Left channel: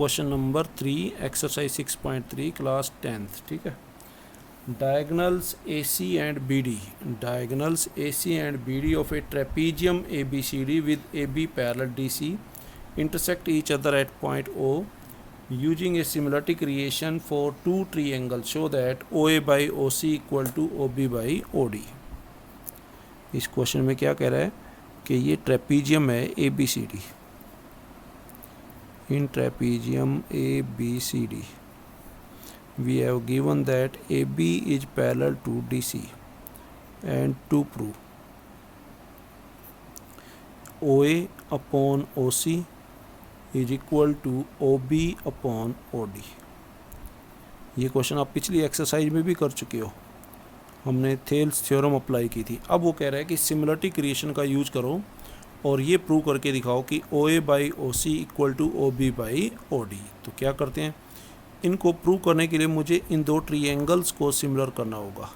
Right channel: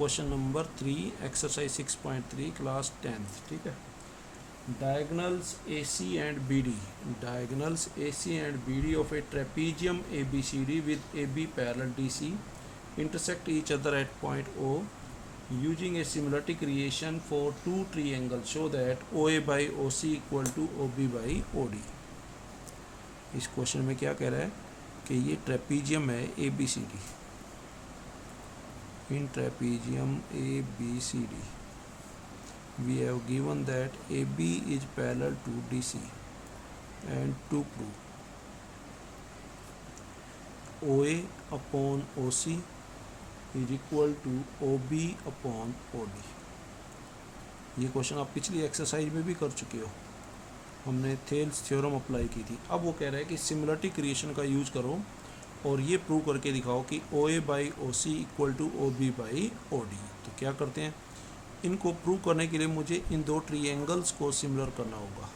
Question number 3 exercise 6.3 class 10th। ठीक है। Diagonals AC and BD, diagonals AC and BD of A trapezium ABCD with AB parallel DC intersect each other at point O using a similarity creation for two triangles show that OA by OC equal to OB by OD। इस question में क्या कह रहा है कि ये trapezium है ABCD, in trapezium ABCD we have given that AB is parallel to DC and to prove OA upon OC is equal to OB upon OD। ये क्वेश्चन आप पिछली एक्सरसाइज में भी कर चुके हो, हमने थेल्स थ्योरम अप्लाई की थी। अब वो कह रहा है कि सिमिलरिटी क्रिएशन का यूज करो और ये प्रूव करके दिखाओ कि OA by OC equal to OB by OD। तो क्या करते हैं, इनको प्रूव करने के लिए मुझे इन दो ट्रायंगल्स को सिमिलर करना होगा।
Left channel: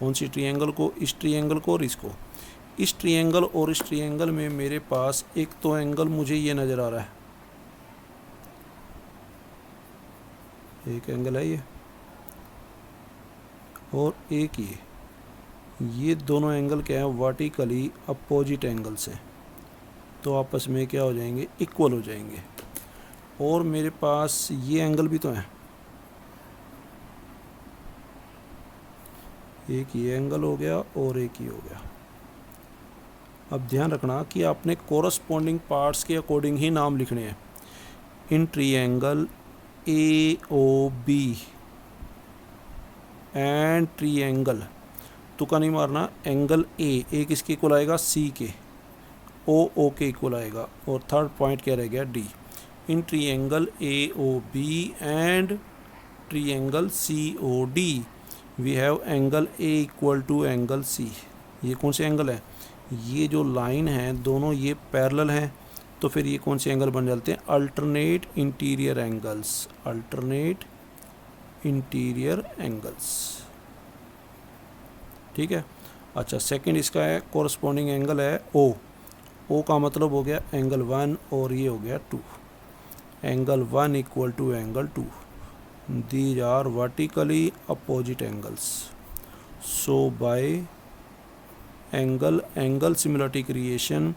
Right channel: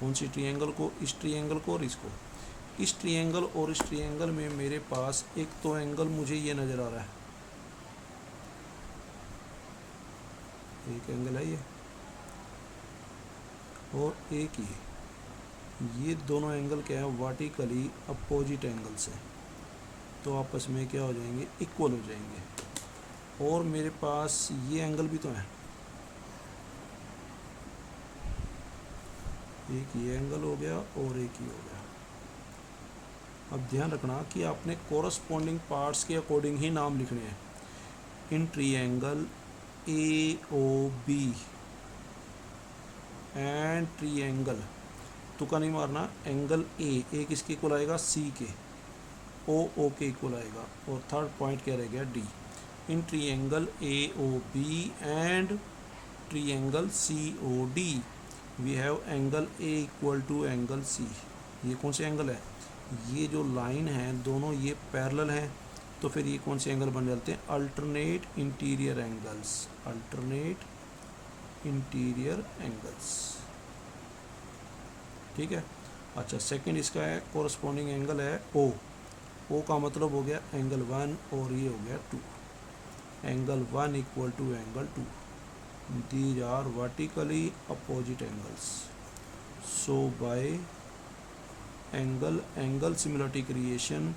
कौन सी ट्रायंगल को? इस ट्रायंगल को और इसको। इस ट्रायंगल और इस ट्रायंगल में मेरे पास एक तो एंगल मुझे ये नज़र आ रहा है, एक एंगल है ये, और एक ये दोनों एंगल क्या है? वर्टिकली अपोजिट एंगल्स हैं, तो आपस में क्या हो जाएंगे? इक्वल हो जाएंगे। और मेरे पास ये एंगल भी तो है, एक ये एंगल हो गया और एक ये हो गया। अब ध्यान रखना कि आपने कोरस्पॉन्डिंग पार्ट्स के अकॉर्डिंग ही नाम लिखने हैं। इन ट्रायंगल AOB एंड ट्रायंगल, तुक्का नहीं मारना, एंगल ए किसके इक्वल आएगा? C के, O के इक्वल आएगा, और थर्ड पॉइंट क्या रह गया? D। In triangle AOB and triangle COD we have angle A equal to angle C। ये कौन से एंगल है? ये जो लाइन है दोनों ये पैरेलल हैं, तो फिर ये कौन से एंगल बन जाते हैं? Alternate interior angles, alternate interior angles. ठीक है। अच्छा, सेकंड इसका है कोरस्पॉन्डिंग एंगल है O का मतलब हो गया एंगल 1 और ये हो गया 2। Angle 1 equal to angle 2, these are vertically opposite angles. So by angle similarity criterion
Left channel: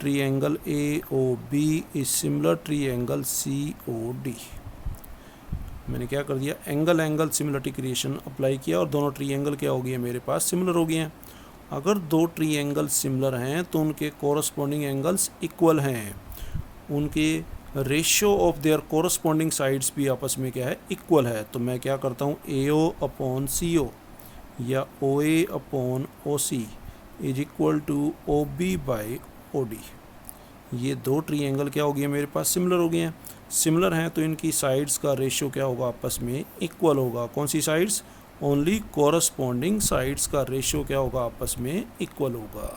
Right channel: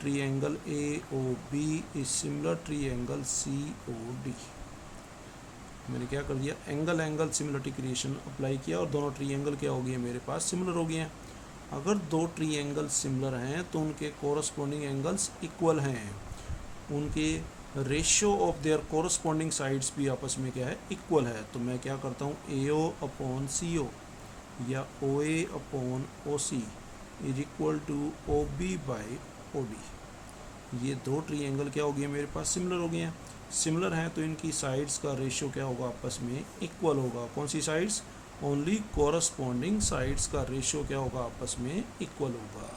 triangle AOB is similar triangle COD। मैंने क्या कर दिया? एंगल सिमिलरिटी क्रिएशन अप्लाई किया और दोनों ट्रायंगल क्या हो गए मेरे पास? सिमिलर हो गए हैं। अगर दो ट्रायंगल सिमिलर हैं तो उनके कोरस्पॉन्डिंग एंगल्स इक्वल हैं, उनके ratio of their corresponding sides भी आपस में क्या है? इक्वल है। तो मैं क्या करता हूँ? AO अपॉन CO या OA upon OC is equal to OB by OD। ये दो ट्रायंगल क्या हो गए मेरे पास? सिमिलर हो गए हैं। सिमिलर हैं तो इनकी साइड्स का रेशियो क्या होगा? आपस में इक्वल होगा। कौन सी साइड्स? ओनली कोरस्पॉन्डिंग साइड्स का रेशियो क्या होगा? आपस में इक्वल होगा।